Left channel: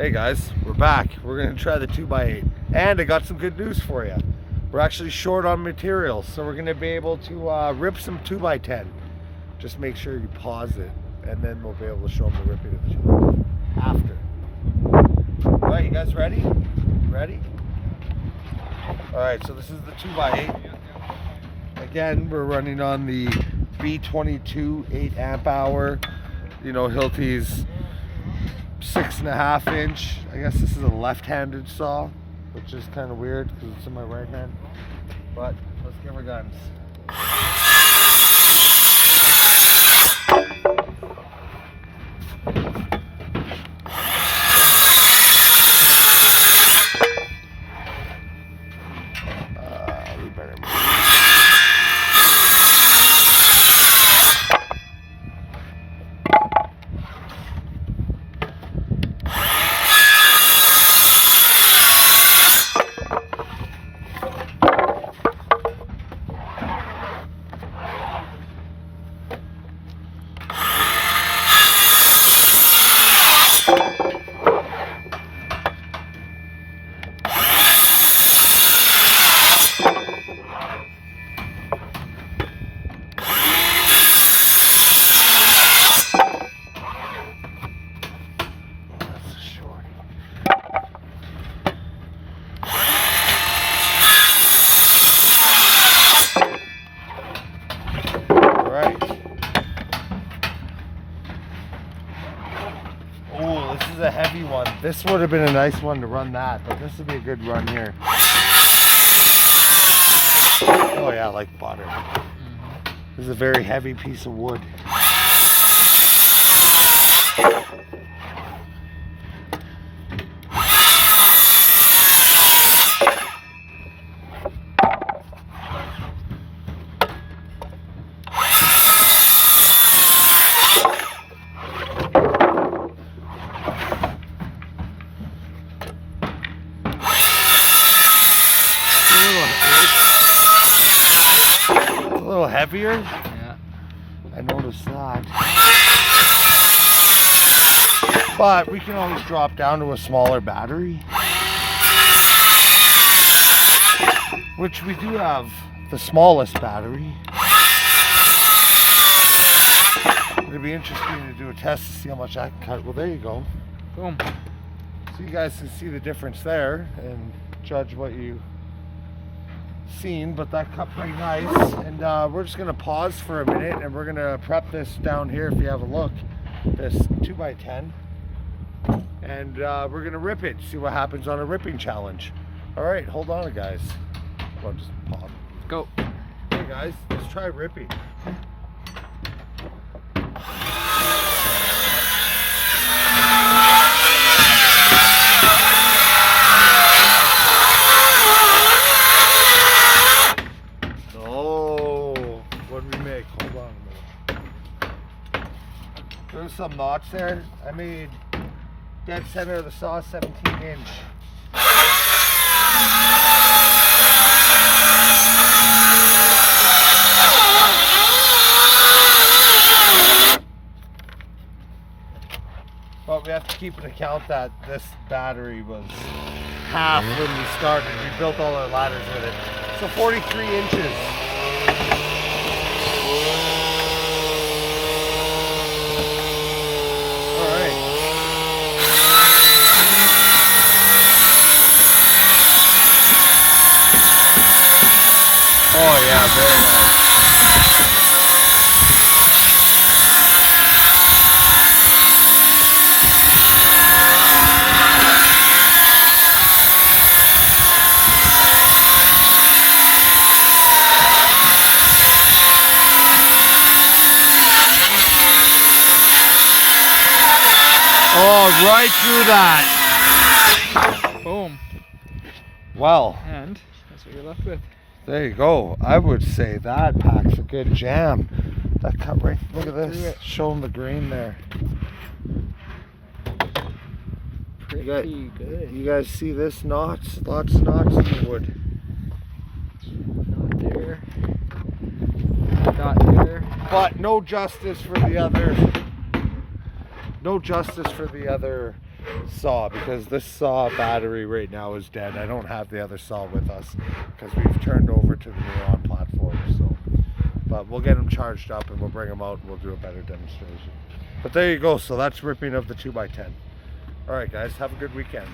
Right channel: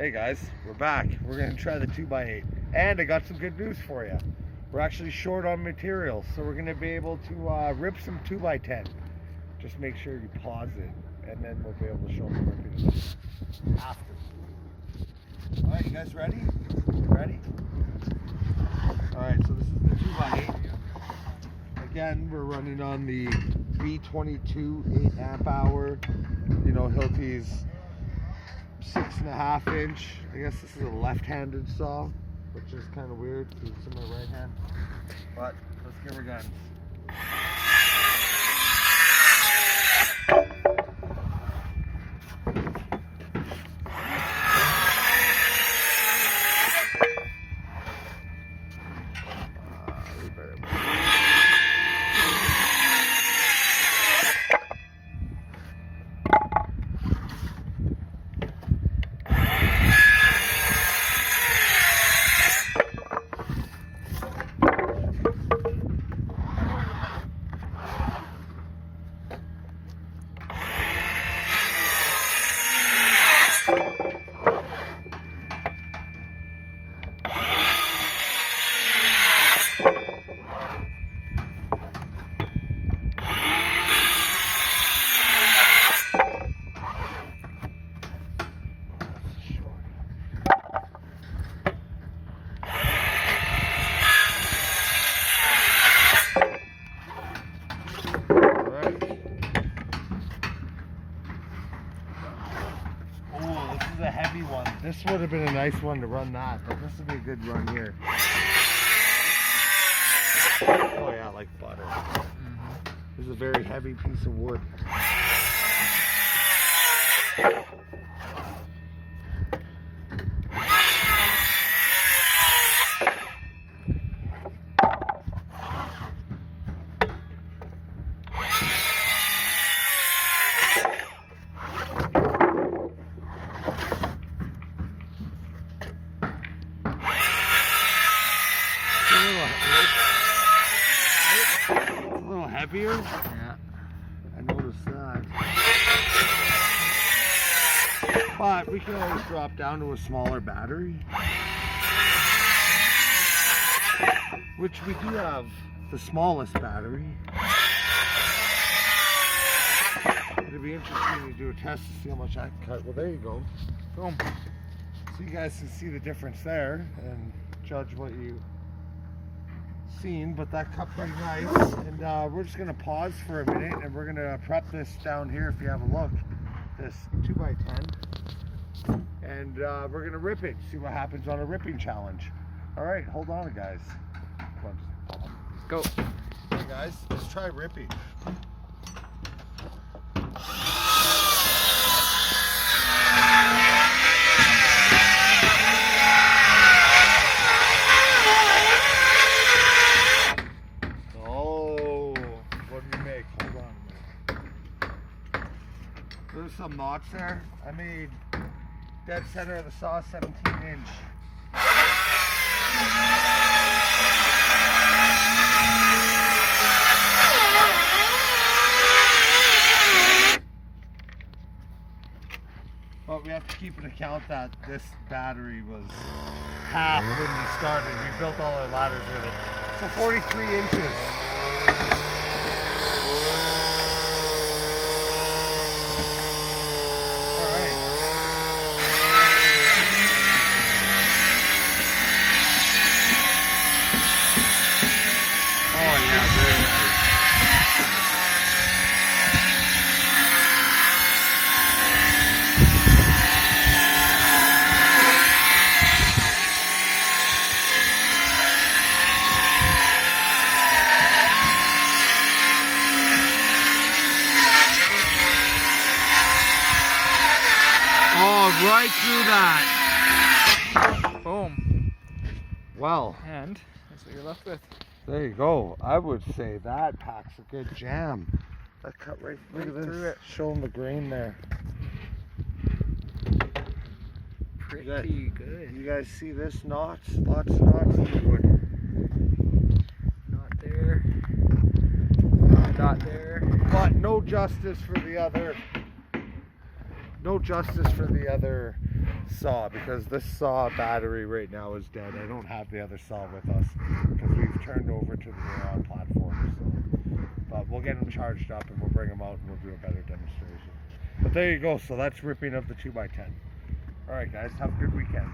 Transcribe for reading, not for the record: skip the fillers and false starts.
Hey guys, we're back. We're gonna try the 2x8, and I got some good news for you. We're actually short on materials, so we're gonna be able to rip some 2x10. Just make sure you pause it, and then we'll be able to show them the ripping after. All right, you guys ready? Ready? All right, so this is the 2x8. Again, we're running on the B22 8 amp hour. You know, Hilti's 6.5 inch. I guess this is a left-handed saw, which is kind of weird because it's in my right hand. But let's give her guns. Oh, this is a heavy one. This would have been a nice one to run that, but this would be a good run here. Oh yeah, like butter. This is a very heavy piece of wood. A little heavier? Yeah. I noticed that. But we can always drop down to a smaller battery. Which we do have the smallest battery. It'd be interesting to do a test to see how much I can cut. Well, there you go. Boom. So you guys can see the difference there and judge what you seen, but that cut pretty nice. And we're just gonna pause for a minute and we're gonna prep this down here. If you have a look, this 2x10, and we're gonna rip it, see what happens on a ripping challenge. All right, hold on guys. Well, just pause. Go. Hey guys, let's try ripping. There's some knots there. I made dead center of the saw 17 inch. But we have to keep in account that this battery was half when we started. We built all our ladders with it. So 43 inches. Oh yeah, very nice. Oh, right through that. Boom. Well. And that's what you're left with. There you go. I would say that packs a good jam. That cut right, look at this. Showing the grain there. Pretty good. You guys see this knots? Lots of knots in the wood. Not there. Not there. But no justice for the other. No justice for the other saw, because this saw battery right now is dead. I don't have the other saw with us because we've turned over to the Neuron platform. So, but we'll get them charged up and we'll bring them out and we'll do a better demonstration. But there you go. So that's ripping of the 2x10. All right, guys, have a good weekend.